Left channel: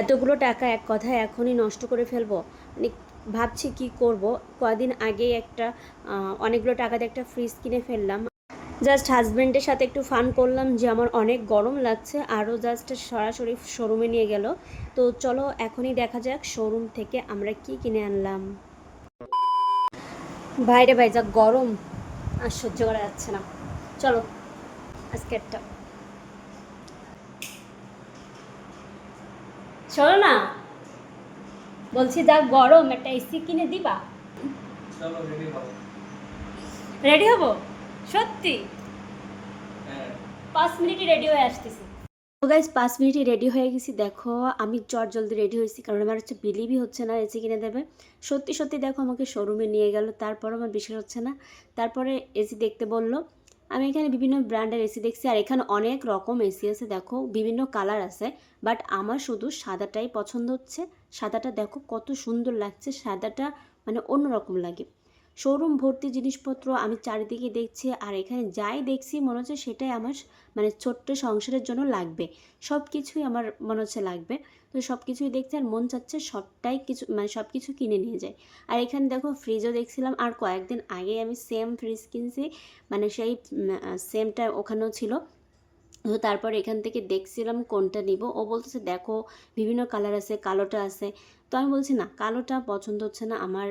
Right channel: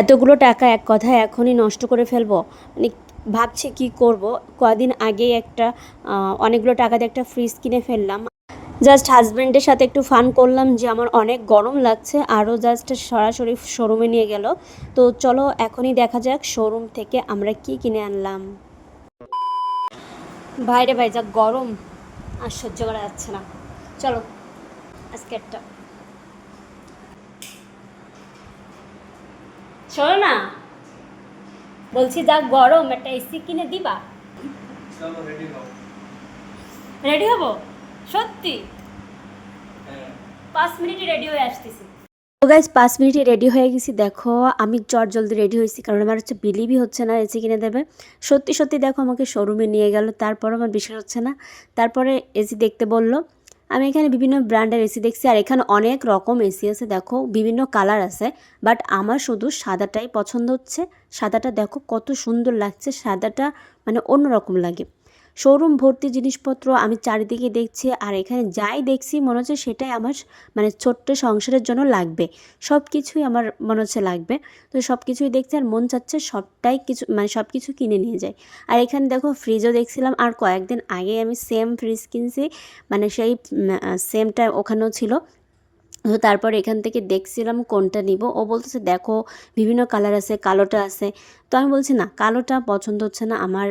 এতগুলো টাকা এক কথায় এখনই নষ্ট করে ফেলব। মানে ভাবছি কি করব? কদিন আগেই একটা অনেকগুলো টাকা দিয়ে একটা ফ্রিজ কিনে ফেললাম। জাস্ট হাজব্যান্ডের সাথে একটু ফান করলাম যে আমার অনেক গরম লাগছে, আরও জাস্ট সরাসরি শোরুমে নিয়ে গেল। তো চলো এখনই দেখা যাক শোরুম থেকে আমরা কি কিনে আনলাম। বাইরে ভাই, যা গরম! আর সহ্য করা যাচ্ছে না। চলো, আজকে একটা শোনো না। বলছি যা গরম একটা এসি কিনে দিবা? রেডি হব? সত্যি? হ্যাঁ। পাঁচ মিনিটে রেডি হয়ে আসতেছি। তো গাইজ পাঁচ মিনিটে রেডি হয়ে গেছি। দেখো আমি চট জলদি রেডি হয়েছি কারণ আমার হচ্ছে বিলিভই হচ্ছে না এসি কিনে দেবে। সত্যি সত্যি দেখো আমাকে শোরুমে নিয়ে গেল তারপর আমার বিশ্বাস হচ্ছে না। তারপরে এসি দেখতে বলল আমি এখানে বিভিন্ন ব্র্যান্ডের এসি দেখছি, আর এখানে অনেক রকম এসি আছে, দেখো, বিভিন্ন কালার আছে, বাট আমার শুধু সাদাটাই পছন্দ হচ্ছে, সাদাটা দেখো কত সুন্দর লাগছে, সাদাটা মানে অন্যরকম লাগে। শোরুম ভর্তি জিনিসপত্র আমি চারিদিকে দেখছি আর এখানে যাই দেখছি মনে হচ্ছে সেটাই আমার মানে ছোট্ট সংসারের জন্য লাগবে। সব কিছুই আমার মনে হচ্ছে লাগবে। তো সব কিছুই দেখছি আর মন চাচ্ছে সবটাই কিছু মানে সব কিছু কিনে নিয়ে যাই। আর এখানে দেখো ফ্রিজও দেখছিলাম আর কয়েকদিন আগে আমি সেম ফ্রিজ কিনছি। মানে সেই সেমটা ওখানেও ছিল। তো তারপর এখান থেকে দেখছিলাম কোনটা নিব। ও বলতেছে, দেখো, বিভিন্ন কালার আছে, কালোটা আছে। তো আমি বলছি, না, কালোটা পছন্দ হচ্ছে না। আমার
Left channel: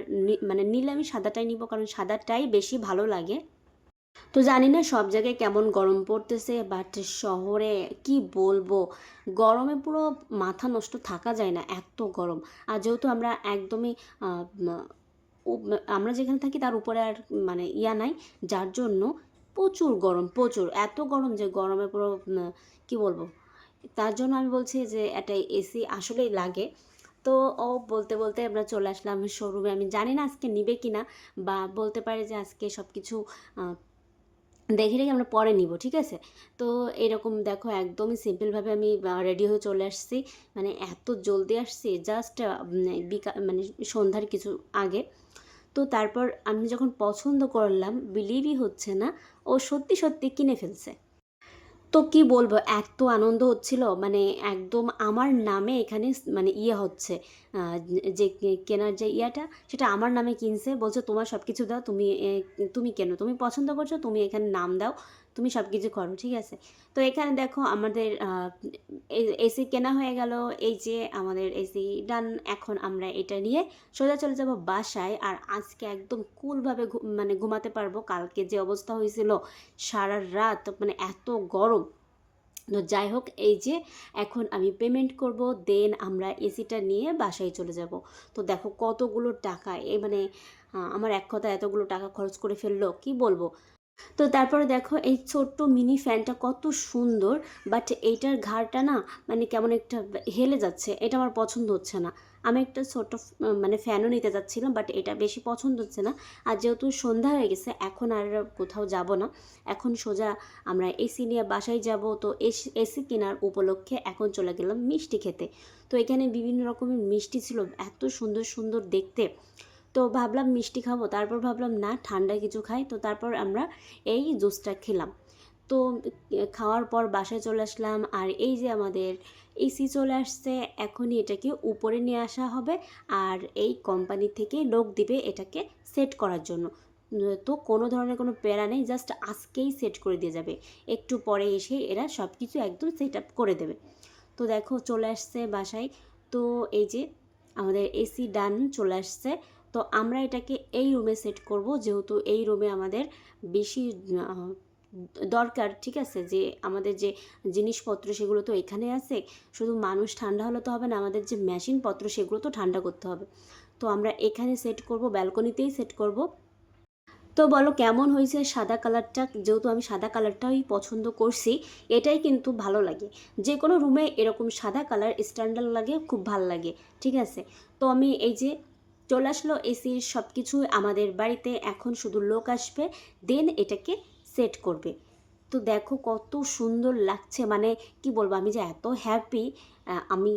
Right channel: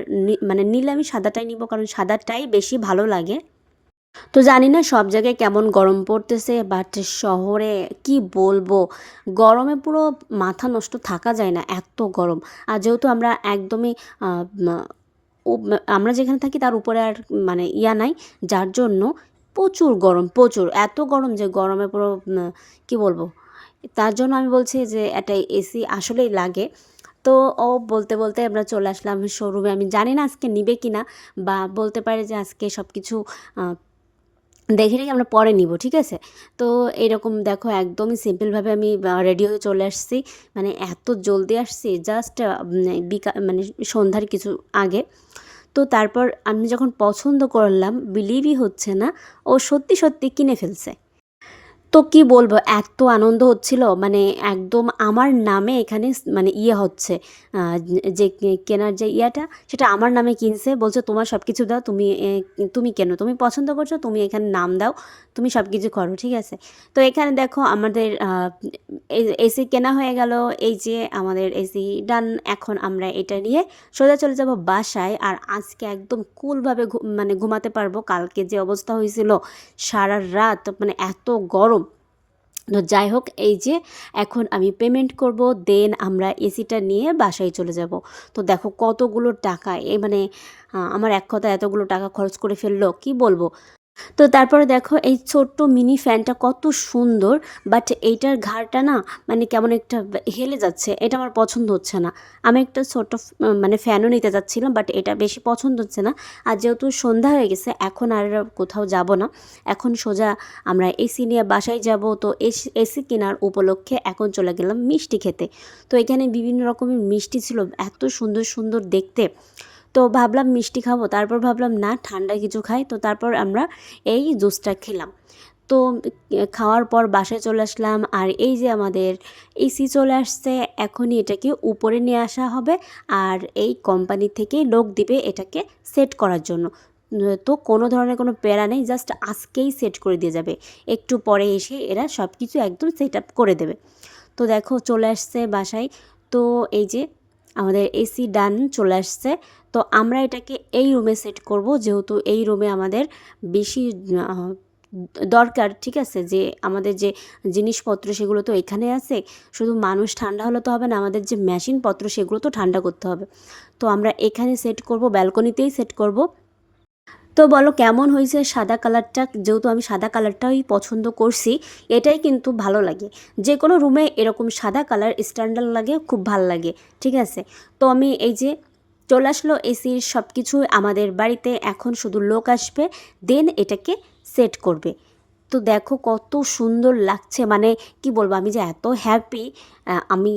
মানে নিলে আমি সাদাটাই নিব, কারণ সাদাটাই বেশি ভালো লাগে। তো জানি না সব জায়গায় কেমন গরম পড়তেছে বাট শহরে কি বলব? গরমে পুরো মাথা নষ্ট থাকা যায় না, এত গরম। আর যেহেতু আমরা একদমই আমরা যেখানে থাকি তার উপরে আর মানে ইয়া নাই, যার জন্য প্রচুর গরম, প্রচুর। এত গরম যে গরমে পুরো কি বলব? তার জন্য আমি বলছি যে একটা এসি আসলেই লাগে। তো ও বলতে বলতে আমরা চলে আসলাম শোরুমে। আমি জানি না আজকে নিবে কি না বা বলতে পারে যে আজকে সব কিছু দেখে রেখে আমরা পরে নিব, ঠিক আছে? তো এরকম দেখো একদমই সিম্পলভাবে আমি রেডি হয়ে চলে আসছি। মানে এত জলদি আসছি জাস্ট বিকা মানে সন্ধ্যার কিছু আগে। তো তারপর আমি যখন পছন্দ করলাম বিলিভই হচ্ছে না, ও সত্যি সত্যি কিনে ফেলছে। তো কি বলব, এত আনন্দ হচ্ছিল মানে একদম আমার নামে এখানে মানে ইয়ে হচ্ছে যে কেনার যে ইয়াটা, সেটা আমার নামে কিনছে, বলছে তোমার সব কিছু দাও, তুমি তুমি কেন, তুমি পছন্দ করছ, তুমি এখানে নাম দাও তুমি সব কিছু করো, ঠিক আছে? তো এখানে দেখো আমাদের এসি কেনা হয়ে গেল। এই যে আমাদের এসি ডান, এখন আমরা এটা নিয়ে সোজা চলে যাব বাসায়। আর আজকে একদম কুলভাবে মানে ঘুমাতে পারব। কালকে যে অবস্থা হয়েছিল সারা রাত মানে এত গরম। তো যাই হোক, এই যে এখন আমি পেমেন্ট করব দেন আমরা এসিটা নিয়ে বাসায় চলে যাব। তো দেখো কতগুলো টাকা এই মানে আমার এক কথা এতগুলো টাকা খরচ করে ফেলল, কি বলব? তো তারপরে দেখো এই ছোট্ট মিনি ফ্যানটা কত সুন্দর বাট এইটার ঘাড়টা না মানে কেমন একটা হেলে যাচ্ছে, এটা আমার পছন্দ হচ্ছে না। আমি একটা ছোট্ট মানে ফ্যানও নিতে যাচ্ছিলাম বাট এটা বেশি পছন্দ হচ্ছে না। আর যেহেতু সন্ধ্যা হয়ে গেছে, এখন আর কোথাও যাব না। এখন সোজা আমরা এসি নিয়ে বাসায় যাব, তো এসি কেনার উপলক্ষে এখন চলে গেলাম মিষ্টি খেতে। তো এখানে বিভিন্ন রকমের মিষ্টি ছিল, এত সুন্দর সুন্দর দেখতে। তো ভাবলাম মিষ্টি খাব, তারপর ভাবলাম না, ঠান্ডা কিছু খাই। তো তারপর আমরা এই জুসটা খেলাম। তো খাওয়ার পর বাসায় চলে আসলাম আর এই যে আমাদের এসি চলে আসছে, এখনই এটাকে উপরে নিয়ে আসা হবে আর এই কোম্পানি থেকে লোক দিবে এটাকে সেট করার জন্য। তো কোনো ধরনের কোনো প্যারা নেই, জাস্ট আজকেই সেট করে দিয়ে যাবে। একটু পরে এসে এরা সব কিছু একদম সেট আপ করে দেবে। তো দেখো চলে আসছে বাসায়। তো এই যে আমাদের এসি ডান চলে আসছে। তো আমরা এটাকে এই রুমে সেট করব, যেহেতু এই রুমে আমাদের বেশি দরকার, ঠিক আছে? যে আমাদের যে জিনিসপত্র সেগুলো তো এখানে আছে, শুধু মানুষ ঠান্ডা হলে তো হবে না, আমাদের যে মেশিনপত্র সেগুলো তো ঠান্ডা করতে হবে। তো আমরা এখানে সেট করব, ব্যালকনিতেই সেট করব। তো বলো, কেমন হয়েছে সাদা কালারটা? যেহেতু আমি সাদা কালারটাই পছন্দ করছি, এটাই কিন্তু ভালো লাগে। যে কোনো রুমে এরকম সাদা কালার স্ট্যান্ডার্ড লাগে, খুব ভালো লাগে, ঠিক আছে? তো আমি এই যে চলে আসলো এসির সব কিছু আমাদের বাড়িতে, এখন শুধু লোক আসবে দেন এটাকে সেট করবে। তো দেখো কত সুন্দর লাগছে মানে কি বলব, আমি যে এত হ্যাপি আমি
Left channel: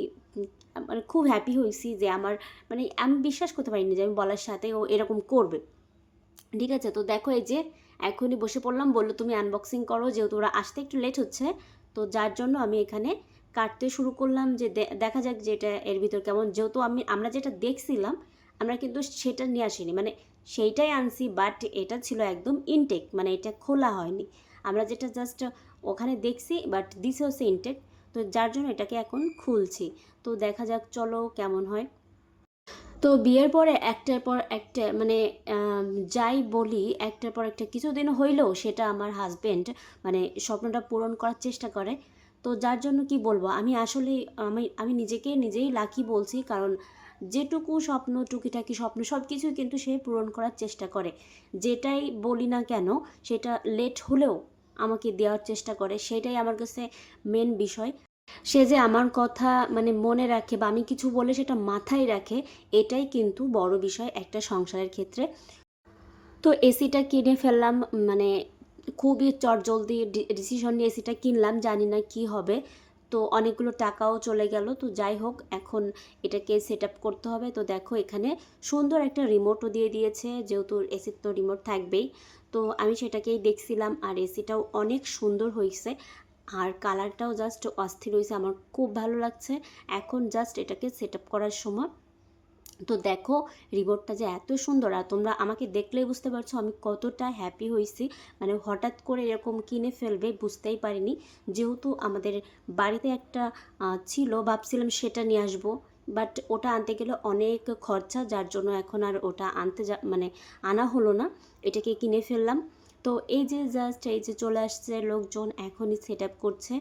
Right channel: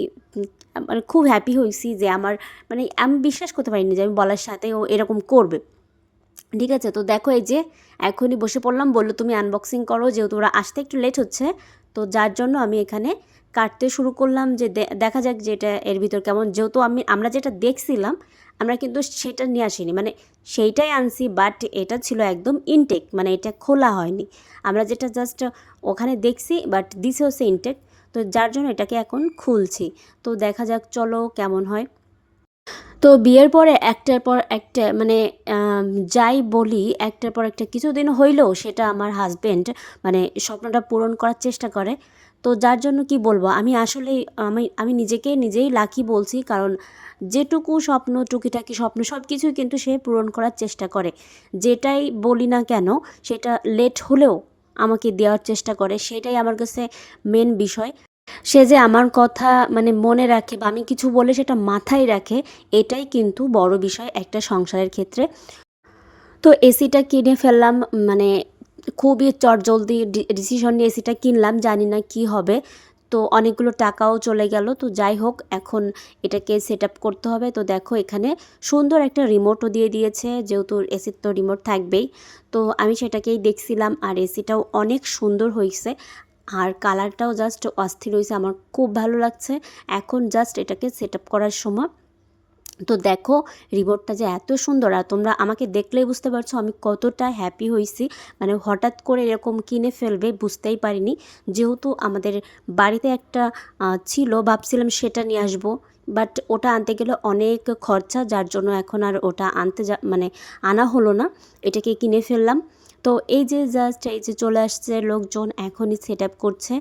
মানে খুব হ্যাপি হয়েছি যে আমার মানে আমি বিশ্বাস করতে পারিনি যে আমি বলার সাথে ও এরকম করবে। ঠিক আছে, তো দেখো এই যে এখনই বসে পড়লাম, বলল তুমি আনবক্সিং করো, যেহেতু ওরা আসতে একটু লেট হচ্ছে, তো যার জন্য আমি এখানে কাটতে শুরু করলাম যে দেখা যাক যে এটা এর ভিতর কেমন, যেহেতু আমি, আমরা যেটা দেখছিলাম আমরা কিন্তু সেটা নিয়ে আসিনি। মানে সেইটাই আনছি বাট এটা ছিল একদম ইনটেক মানে এটা খোলা হয়নি। আমরা যেটা জাস্ট ওখানে দেখছি বাট দিছে হচ্ছে ইনটেক তো যার জন্য এটাকে এখন খুলছি। তো দেখা যাক, চলো কেমন হয়। তো বিয়ের পরে একটার পর একটা মানে যাই বলি, একটার পর একটা কিছুদিন হইলেও সেটা আমার হাজব্যান্ড মানে স্বপ্নটা পূরণ করার চেষ্টা করে। তো যার জন্য কি বলব, আমি আসলে আমি আমি নিজেকে নিজেই লাকি বলছি, কারণ যেটুকু স্বপ্ন, টুকিটাকি স্বপ্ন সব কিছুই কিন্তু সে পূরণ করার চেষ্টা করে। যেটাই বলি না কেন, সেটা লেট হলেও আমাকে দেওয়ার চেষ্টা করে। সেটাই আমার কাছে মেন বিষয়। সে যে আমার কথা মানে মনে রাখে বা আমি কিছু বলে সেটা মাথায় রাখে, এটাই কিন্তু বড় বিষয় একটা সংসারের ক্ষেত্রে। তো এসিটা কিনে ফেললাম মানে খুবই চটজলদি ডিসিশন নিয়ে এসিটা কিনলাম, জানি না কি হবে। তো অনেকগুলো টাকাও চলে গেল। তো যাই হোক, এখন এটাকে সেট আপ করতে হবে। তো দেখো, এখানে সুন্দর একটা রিমোটও দিয়ে দিয়েছে, যেহেতু এসির তো রিমোট থাকবেই। তো আমি সেটাকেই দেখছিলাম, আর এসিটাও অনেক সুন্দর হয়েছে। আর কালারটাও জাস্ট অস্থির হয়েছে, আমার খুব ভালো লাগছে। এখন জাস্ট এটাকে সেট আপ করার সময় তো দেখো রিমোটটা যে এত সুন্দর আর তোমরা আমাকে দেখলেই বুঝতে পারছ আমি কতটা হ্যাপি হয়েছি। মানে হঠাৎ করে এরকম কিনে ফেলবে বুঝতেই পারিনি। যেহেতু আমাদের বাড়িতে একটা ছিল, ভাবছিলাম সেটা নিয়ে আসব। বাট ওটা আনতে গেলে অনেক খরচা, যার জন্য এখন আর ওটা আনতে যা মানে আনা হলো না। এটাকে কিনে ফেললাম। তো এই যে জাস্ট এই যে চলে আসছে লোকজন এখনই সেট আপ করছে।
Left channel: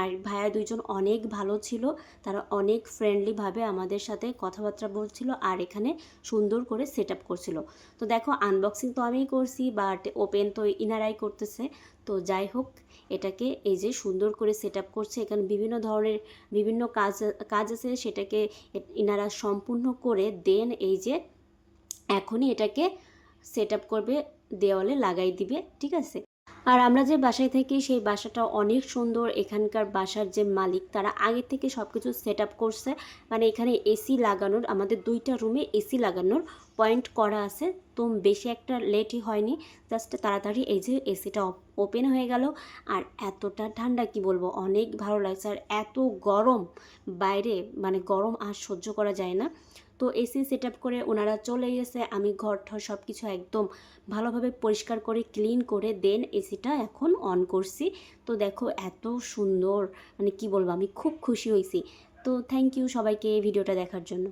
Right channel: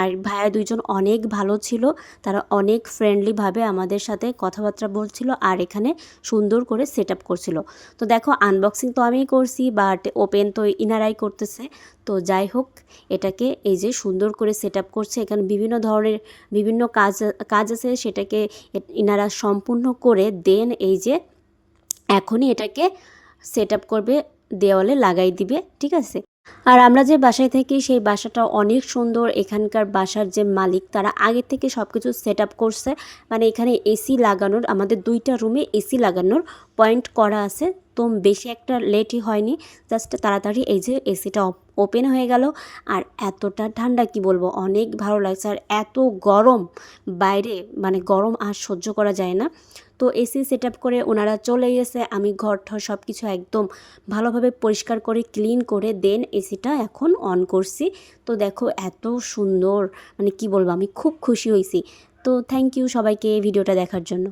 আর ভাইয়া দুইজন অনেক ভালো ছিল, তারা অনেক ফ্রেন্ডলিভাবে আমাদের সাথে কথাবার্তা বলছিল আর এখানে সুন্দর করে সেট আপ করছিল। তো দেখো আনবক্সিং তো আমিই করছি বাট ওপেন তো ইনারাই করতেছে। তো যাই হোক, এটাকে এই যে সুন্দর করে সেট আপ করছে। এখানে বিভিন্ন ধরনের বিভিন্ন কাজ কাজ আছে সেটাকে ইনারা সম্পূর্ণ করে দেন এই যে এখনই এটাকে সেট আপ করবে। দেওয়ালে লাগাই দিবে, ঠিক আছে? আর আমরা যে বাসায় থাকি, সেই বাসাটা অনেক সুন্দর। এখানকার বাসার যে মালিক, তারা আগে থেকে সব কিছু সেট আপ করছে। মানে এখানে এসি লাগানোর, আমাদের দুইটা রুমে এসি লাগানোর পয়েন্ট করা আছে। তো বেশি একটা লেটই হয়নি জাস্ট তাড়াতাড়ি এই যে এসিটা ওপেন হয়ে গেল। আর এতটা ঠান্ডা, কি বলব? অনেক ভালো লাগছে। আর এত গরম বাইরে মানে গরম আর সহ্য করা যায় না। তো এসি সেট করে ওনারা চলে গেছে। আমি ঘর ঠর সব কিছু একদম ভালোভাবে পরিষ্কার করে, ক্লিন করে, দেন এসিটা এখন অন করছি। তো দেখো এত সুন্দর মানে কি বলব, আমি খুব খুশি হয়েছি। তো থ্যাংক ইউ সবাইকে ভিডিওটা দেখার জন্য।